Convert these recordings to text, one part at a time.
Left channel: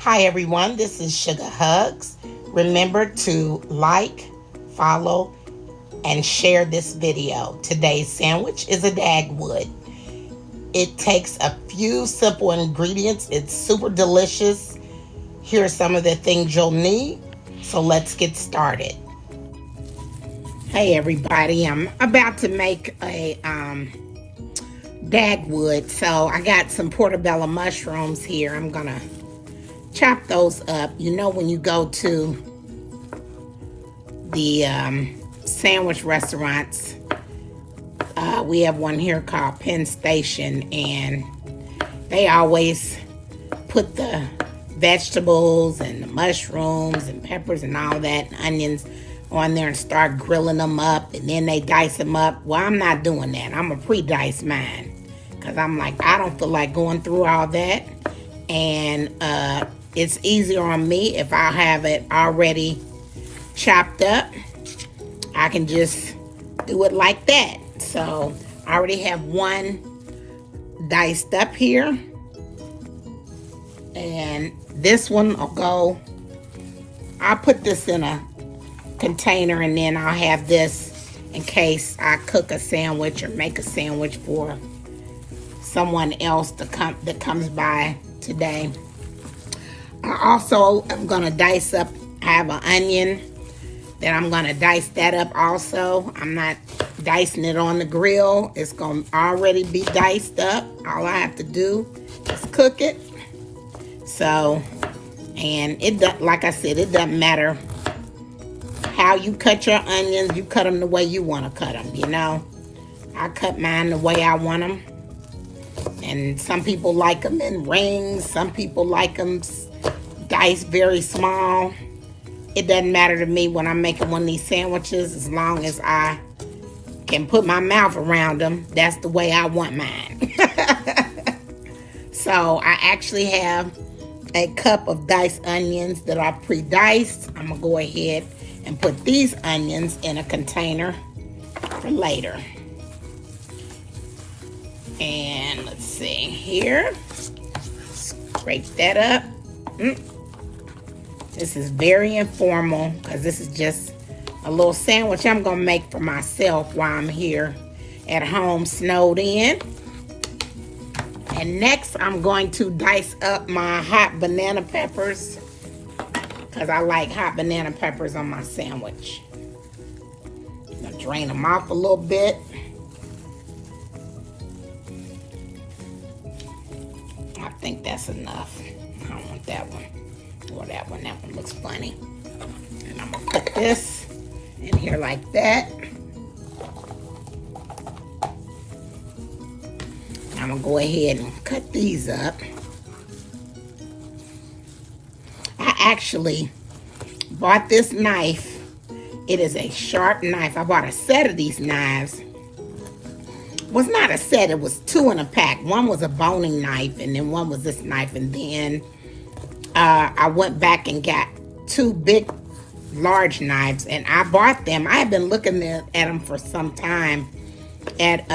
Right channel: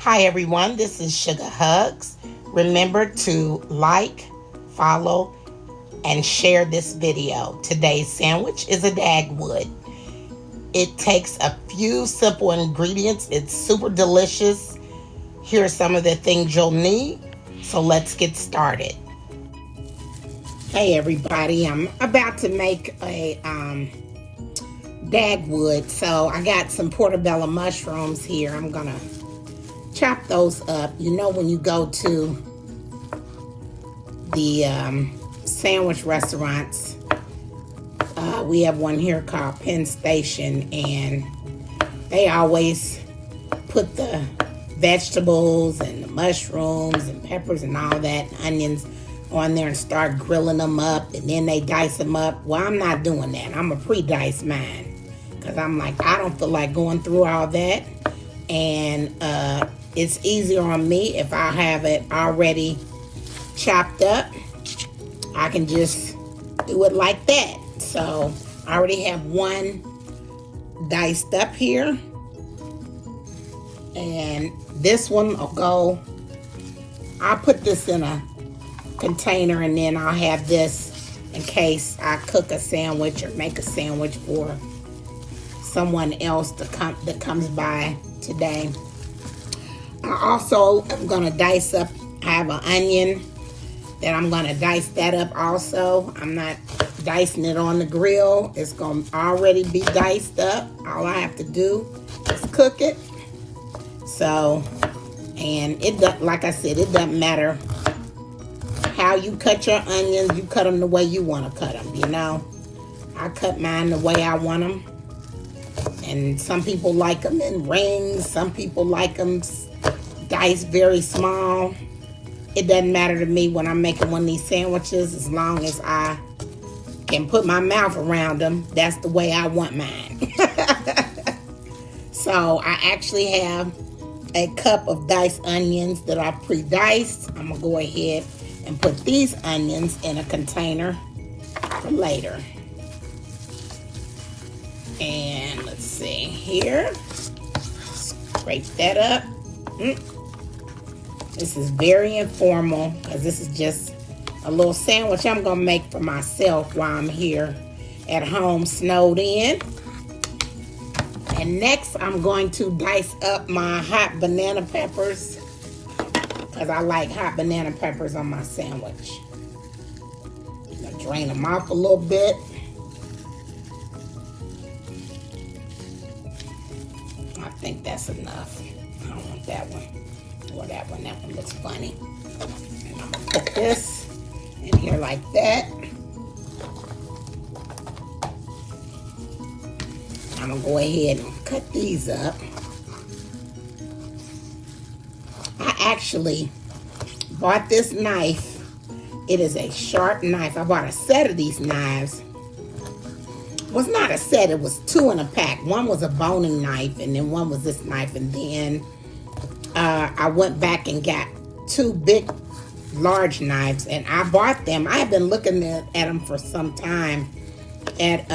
Hi everyone, this is Sugar Hugs. Remember to like, follow, and share this video. Today's sandwich is a Dagwood. It takes a few simple ingredients. It's super delicious. Here are some of the things you'll need. So let's get started. Hey everybody, I'm about to make a Dagwood. So I got some portobello mushrooms here. I'm gonna chop those up. You know, when you go to the sandwich restaurants, we have one here called Penn Station, and they always put the vegetables and the mushrooms and peppers and all that, and onions on there and start grilling them up, and then they dice them up. Well, I'm not doing that. I'm gonna pre-dice mine because I'm like, I don't feel like going through all that, and it's easier on me if I have it already chopped up. I can just do it like that. So I already have one diced up here, and this one I'll put this in a container, and then I'll have this in case I cook a sandwich or make a sandwich for someone else that comes by today. I also am gonna dice up, I have an onion that I'm gonna dice that up also. I'm not dicing it on the grill. It's gonna already be diced up. All I have to do is cook it. So, and like I said, it doesn't matter how you cut your onions. You cut them the way you wanna cut them, you know. I cut mine the way I want them. And some people like them in rings. Some people like them diced very small. It doesn't matter to me when I'm making one of these sandwiches, as long as I can put my mouth around them. That's the way I want mine. So I actually have a cup of diced onions that I pre-diced. I'm gonna go ahead and put these onions in a container for later. And let's see here. Scrape that up. This is very informal because this is just a little sandwich I'm gonna make for myself while I'm here at home snowed in. And next I'm going to dice up my hot banana peppers because I like hot banana peppers on my sandwich. Drain them off a little bit. I think that's enough. I don't want that one. Or that one. That one looks funny. And I'm gonna put this in here like that. I'm gonna go ahead and cut these up. I actually bought this knife. It is a sharp knife. I bought a set of these knives. It was not a set, it was two in a pack. One was a boning knife, and then one was this knife, and then I went back and got two big, large knives, and I bought them. I had been looking at them for some time at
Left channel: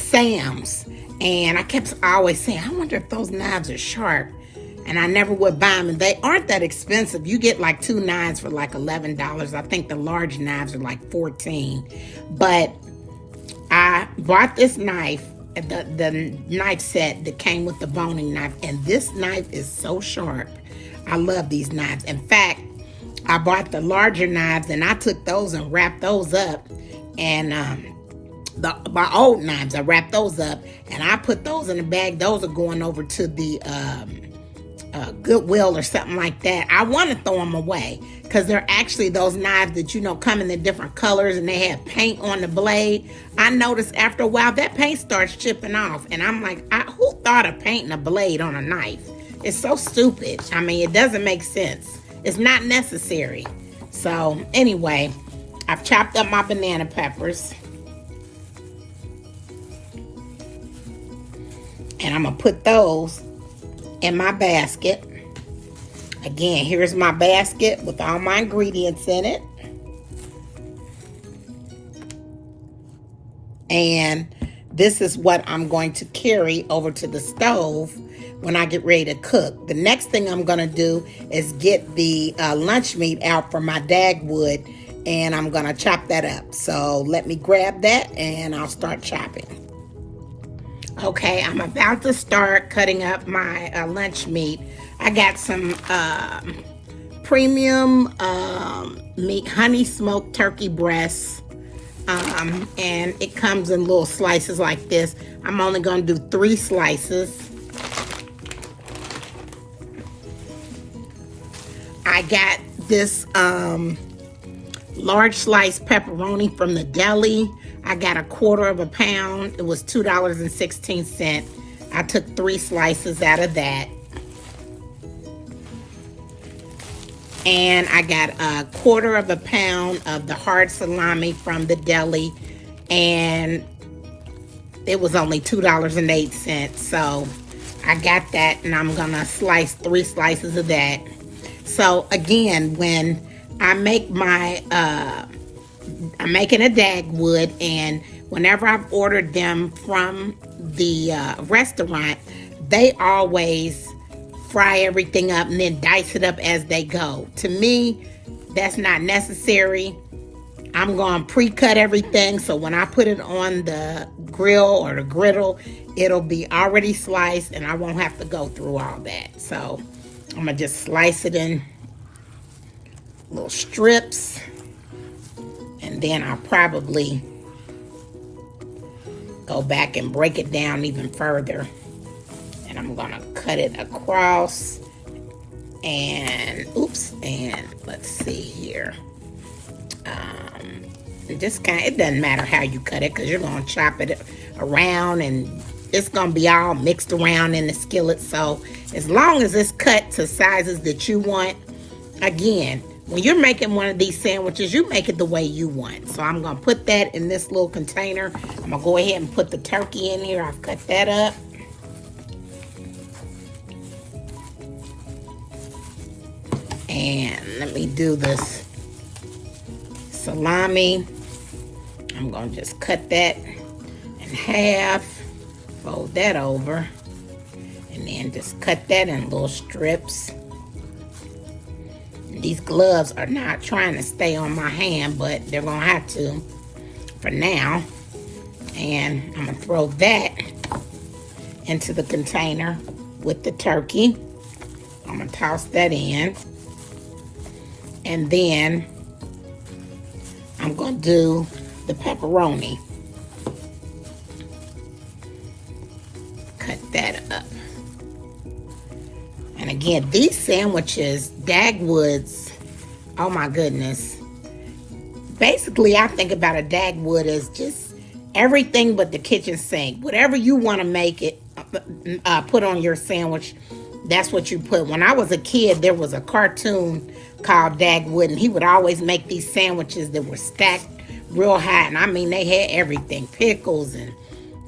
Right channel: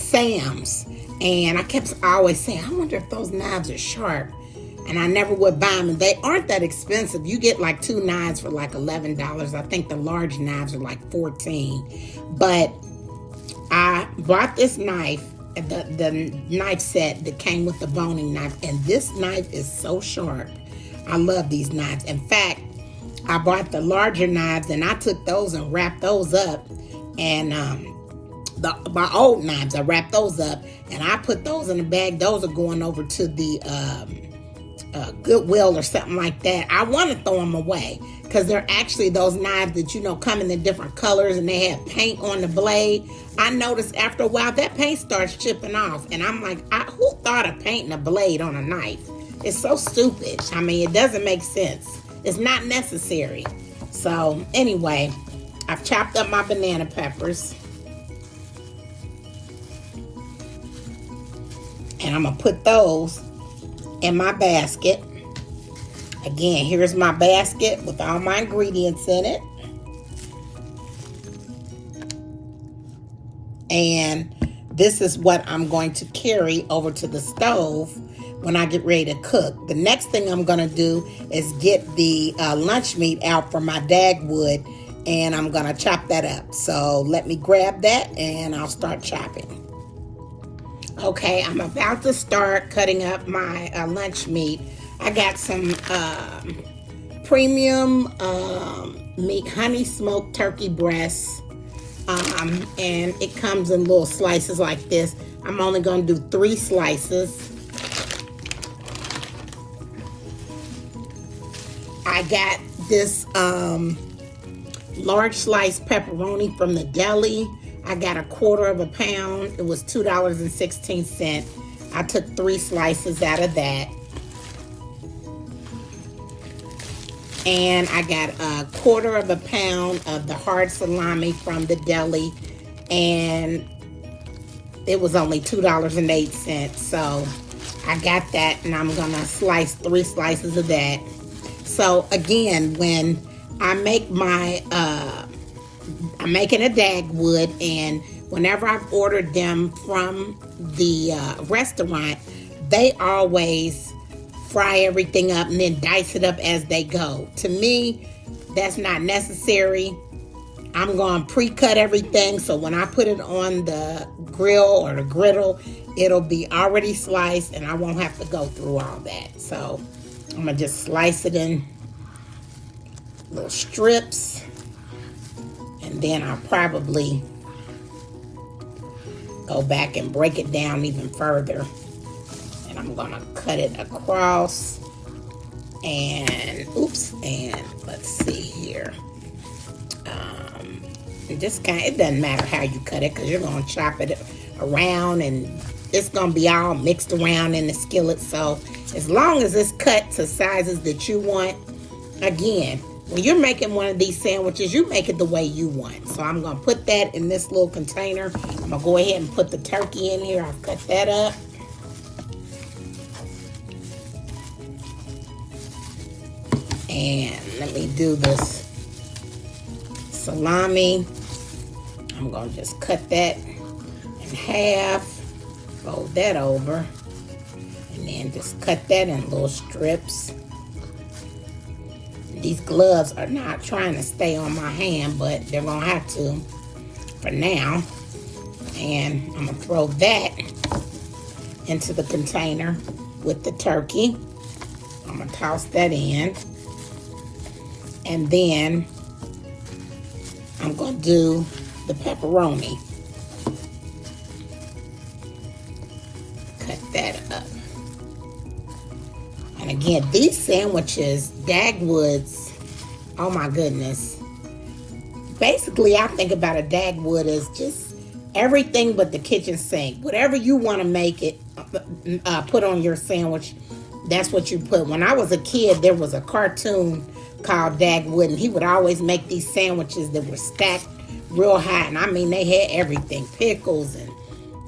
Sam's, and I kept always saying, I wonder if those knives are sharp, and I never would buy them. And they aren't that expensive. You get like two knives for like $11. I think the large knives are like $14. But I bought this knife, the knife set that came with the boning knife, and this knife is so sharp. I love these knives. In fact, I bought the larger knives, and I took those and wrapped those up, and my old knives, I wrapped those up, and I put those in a bag. Those are going over to the Goodwill or something like that. I want to throw them away because they're actually those knives that, you know, come in the different colors, and they have paint on the blade. I noticed after a while that paint starts chipping off, and I'm like, who thought of painting a blade on a knife? It's so stupid. I mean, it doesn't make sense. It's not necessary. So anyway, I've chopped up my banana peppers, and I'm gonna put those in my basket. Again, here's my basket with all my ingredients in it. And this is what I'm going to carry over to the stove when I get ready to cook. The next thing I'm gonna do is get the lunch meat out from my Dagwood, and I'm gonna chop that up. So let me grab that and I'll start chopping. Okay, I'm about to start cutting up my lunch meat. I got some premium meat, honey smoked turkey breasts, and it comes in little slices like this. I'm only gonna do 3 slices. I got this large slice pepperoni from the deli. I got a 1/4 pound. It was $2.16. I took 3 slices out of that. And I got a 1/4 pound of the hard salami from the deli, and it was only $2.08. So I got that, and I'm gonna slice 3 slices of that. So again, when I make my, I'm making a Dagwood, and whenever I've ordered them from the restaurant, they always fry everything up and then dice it up as they go. To me, that's not necessary. I'm going to pre-cut everything, so when I put it on the grill or the griddle, it'll be already sliced and I won't have to go through all that. So I'm going to just slice it in little strips, and then I'll probably go back and break it down even further. And I'm going to cut it across, and let's see here. It doesn't matter how you cut it, because you're going to chop it around and it's going to be all mixed around in the skillet. So as long as it's cut to sizes that you want, again, when you're making one of these sandwiches, you make it the way you want. So I'm going to put that in this little container. I'm going to go ahead and put the turkey in here. I've cut that up. And let me do this salami. I'm going to just cut that in half, fold that over, and then just cut that in little strips. And these gloves are not trying to stay on my hand, but they're going to have to for now. And I'm going to throw that into the container with the turkey. I'm going to toss that in. And then I'm going to do the pepperoni. Cut that up. And again, these sandwiches, Dagwoods, oh my goodness. Basically, I think about a Dagwood as just everything but the kitchen sink. Whatever you want to make it, put on your sandwich, that's what you put. When I was a kid, there was a cartoon called Dagwood, and he would always make these sandwiches that were stacked real high. And I mean, they had everything, pickles and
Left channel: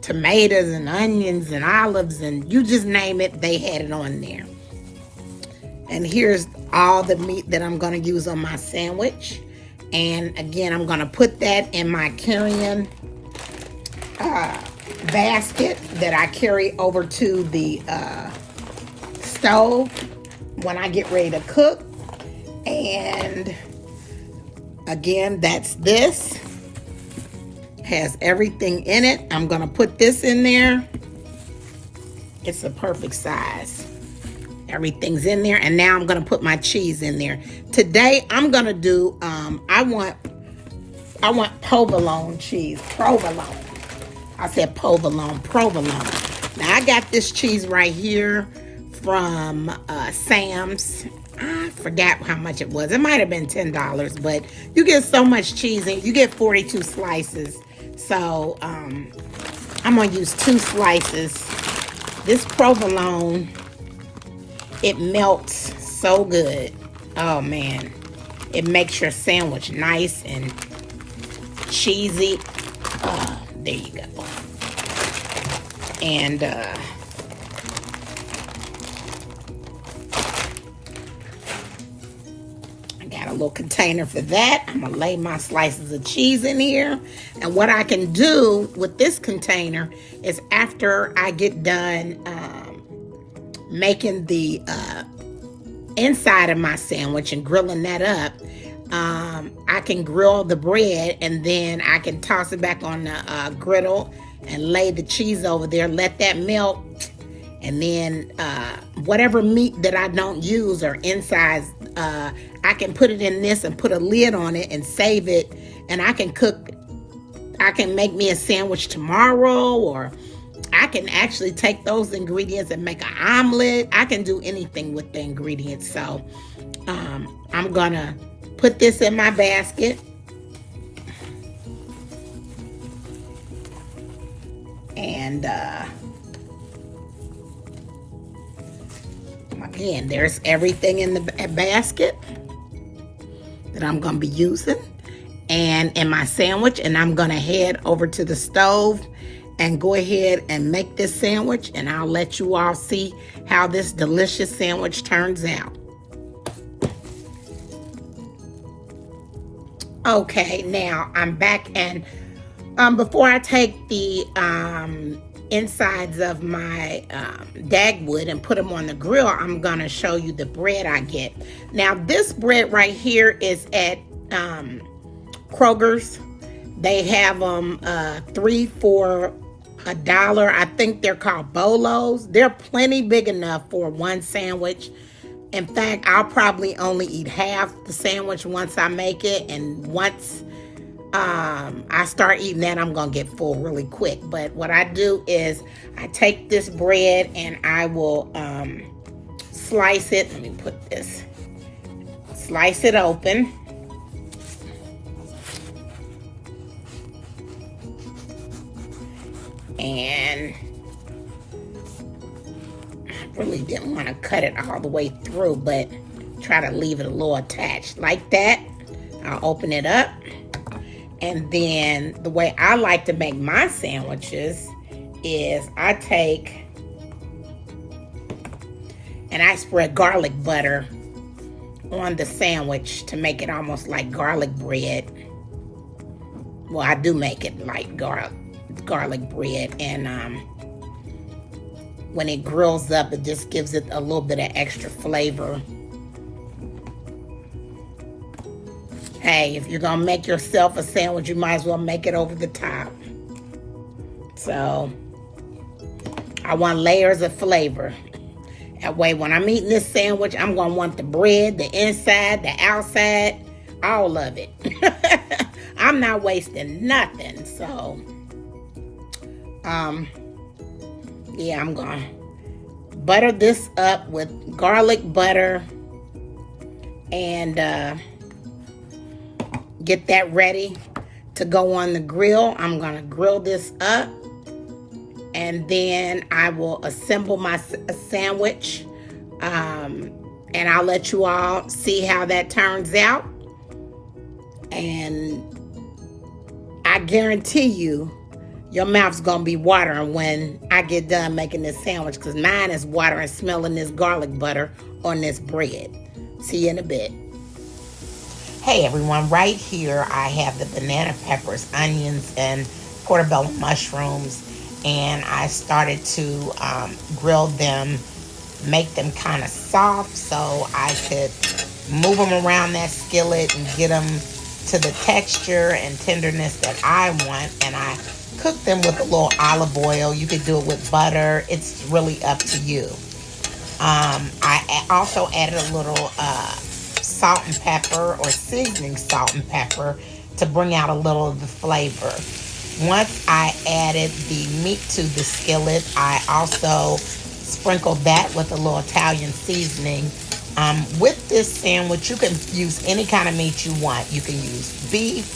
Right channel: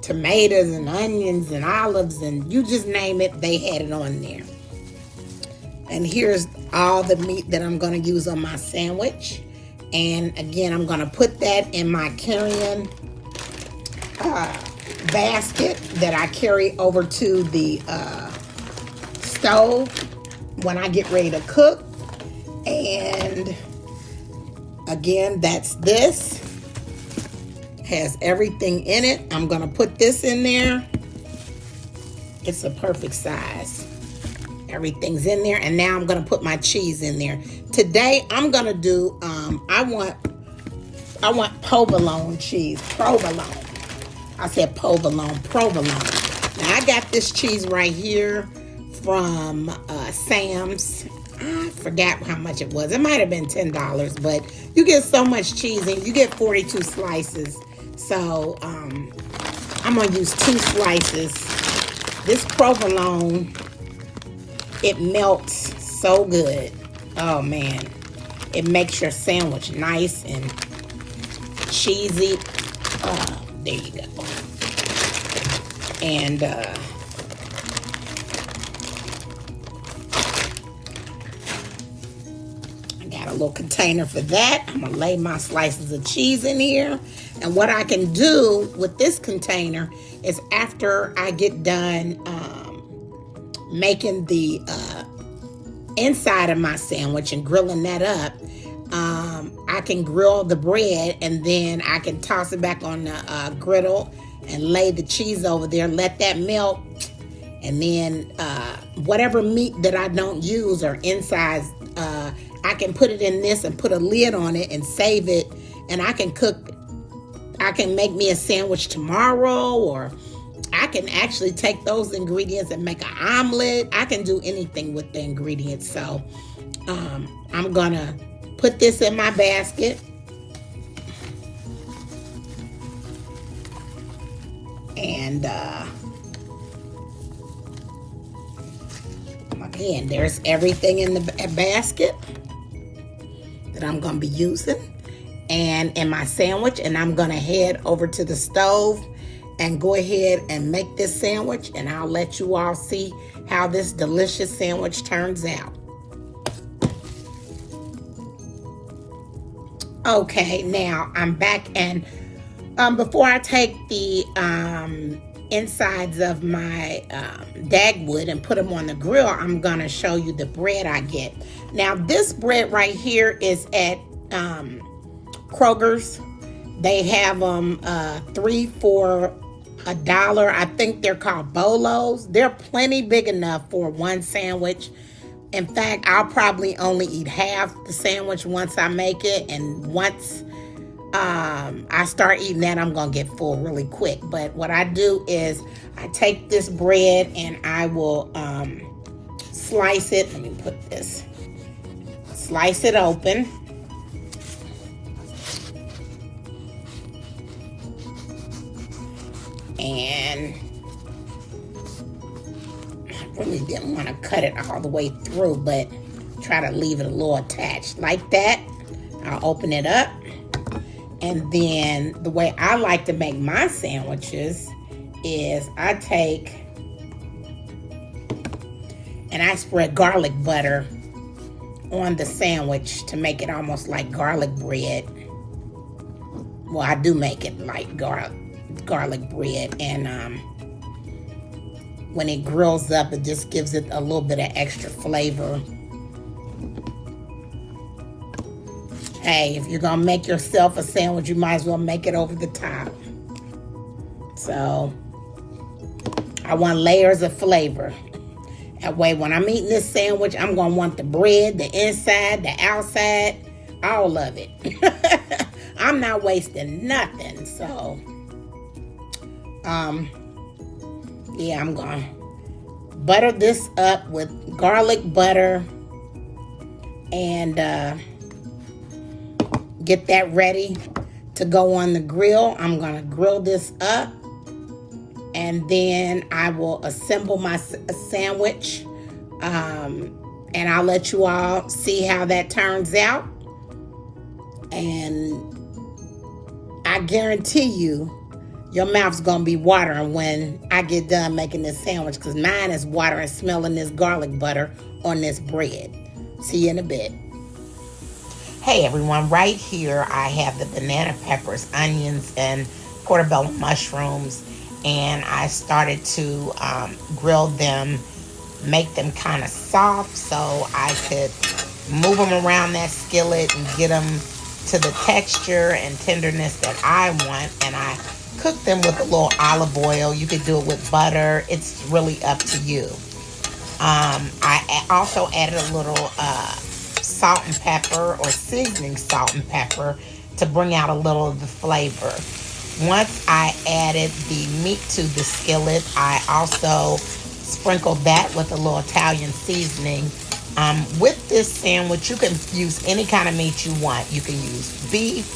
tomatoes and onions and olives, and you just name it, they had it on there. And here's all the meat that I'm going to use on my sandwich. And again, I'm going to put that in my carry-on basket that I carry over to the stove when I get ready to cook. And again, that's this. Has everything in it. I'm going to put this in there. It's a perfect size. Everything's in there. And now I'm going to put my cheese in there. Today, I'm going to do, I want provolone cheese. Provolone. I said provolone. Provolone. Now, I got this cheese right here from Sam's. I forgot how much it was. It might have been $10, but you get so much cheese and you get 42 slices. So I'm going to use 2 slices. This provolone, it melts so good. Oh man, it makes your sandwich nice and cheesy. Oh, there you go. And little container for that. I'm gonna lay my slices of cheese in here. And what I can do with this container is after I get done making the inside of my sandwich and grilling that up, I can grill the bread and then I can toss it back on the griddle and lay the cheese over there, let that melt, and then whatever meat that I don't use or inside, I can put it in this and put a lid on it and save it, and I can make me a sandwich tomorrow, or I can actually take those ingredients and make an omelet. I can do anything with the ingredients. So I'm gonna put this in my basket. And again, there's everything in the basket that I'm gonna be using and in my sandwich, and I'm gonna head over to the stove and go ahead and make this sandwich, and I'll let you all see how this delicious sandwich turns out. Okay, now I'm back, and before I take the insides of my Dagwood and put them on the grill, I'm gonna show you the bread I get. Now this bread right here is at Kroger's. They have them 3 for $1. I think they're called bolos. They're plenty big enough for one sandwich. In fact, I'll probably only eat half the sandwich once I make it, and once I start eating that, I'm gonna get full really quick. But what I do is I take this bread and I will slice it. Let me put this. Slice it open. And I really didn't want to cut it all the way through, but try to leave it a little attached like that. I'll open it up. And then the way I like to make my sandwiches is I take and I spread garlic butter on the sandwich to make it almost like garlic bread. Well, I do make it like garlic bread, and when it grills up, it just gives it a little bit of extra flavor. Hey, if you're gonna make yourself a sandwich, you might as well make it over the top. So I want layers of flavor. That way, when I'm eating this sandwich, I'm gonna want the bread, the inside, the outside, all of it. I'm not wasting nothing. So yeah, I'm gonna butter this up with garlic butter and get that ready to go on the grill. I'm gonna grill this up, and then I will assemble my sandwich, and I'll let you all see how that turns out. And I guarantee you, your mouth's gonna be watering when I get done making this sandwich, because mine is watering smelling this garlic butter on this bread. See you in a bit. Hey everyone, right here I have the banana peppers, onions, and portobello mushrooms, and I started to grill them, make them kind of soft so I could move them around that skillet and get them to the texture and tenderness that I want. And I cook them with a little olive oil. You could do it with butter. It's really up to you. I also added a little salt and pepper, or seasoning salt and pepper, to bring out a little of the flavor. Once I added the meat to the skillet, I also sprinkled that with a little Italian seasoning. With this sandwich, you can use any kind of meat you want. You can use beef,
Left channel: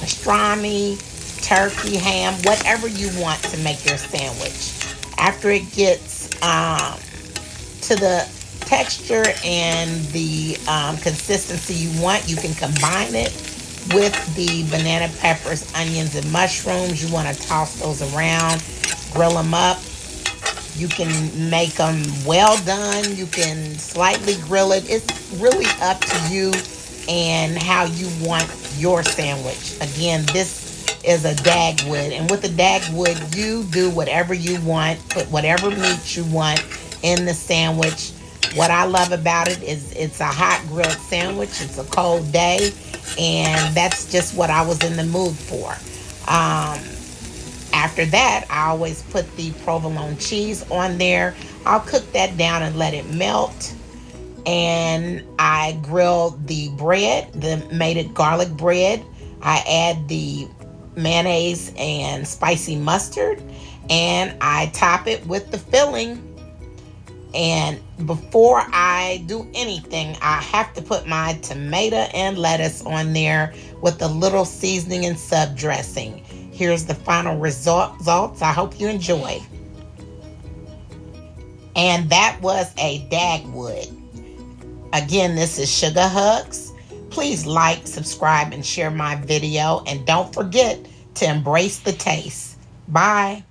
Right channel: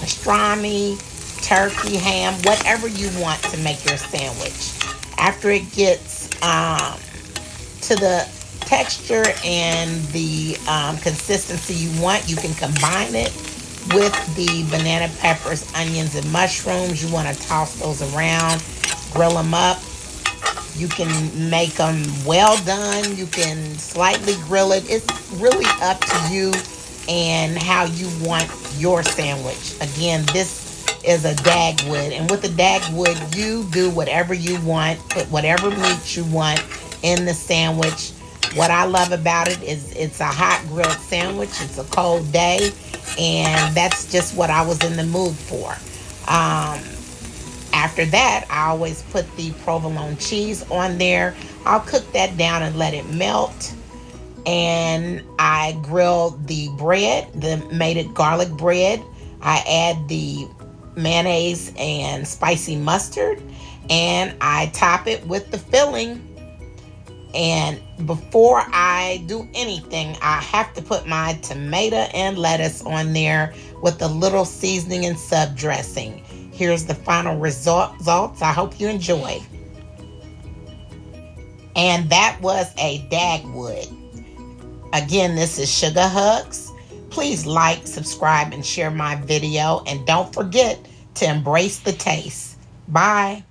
pastrami, turkey, ham, whatever you want to make your sandwich. After it gets to the texture and the consistency you want, you can combine it with the banana peppers, onions, and mushrooms. You want to toss those around, grill them up. You can make them well done. You can slightly grill it. It's really up to you and how you want your sandwich. Again, this is a Dagwood, and with the Dagwood, you do whatever you want, put whatever meat you want in the sandwich. What I love about it is it's a hot grilled sandwich. It's a cold day, and that's just what I was in the mood for. After that, I always put the provolone cheese on there. I'll cook that down and let it melt. And I grilled the bread, made it garlic bread. I add the mayonnaise and spicy mustard, and I top it with the filling. And before I do anything, I have to put my tomato and lettuce on there with a little seasoning and sub dressing. Here's the final results. I hope you enjoy. And that was a Dagwood. Again, this is Sugar Hugs. Please like, subscribe, and share my video. And don't forget to embrace the taste. Bye.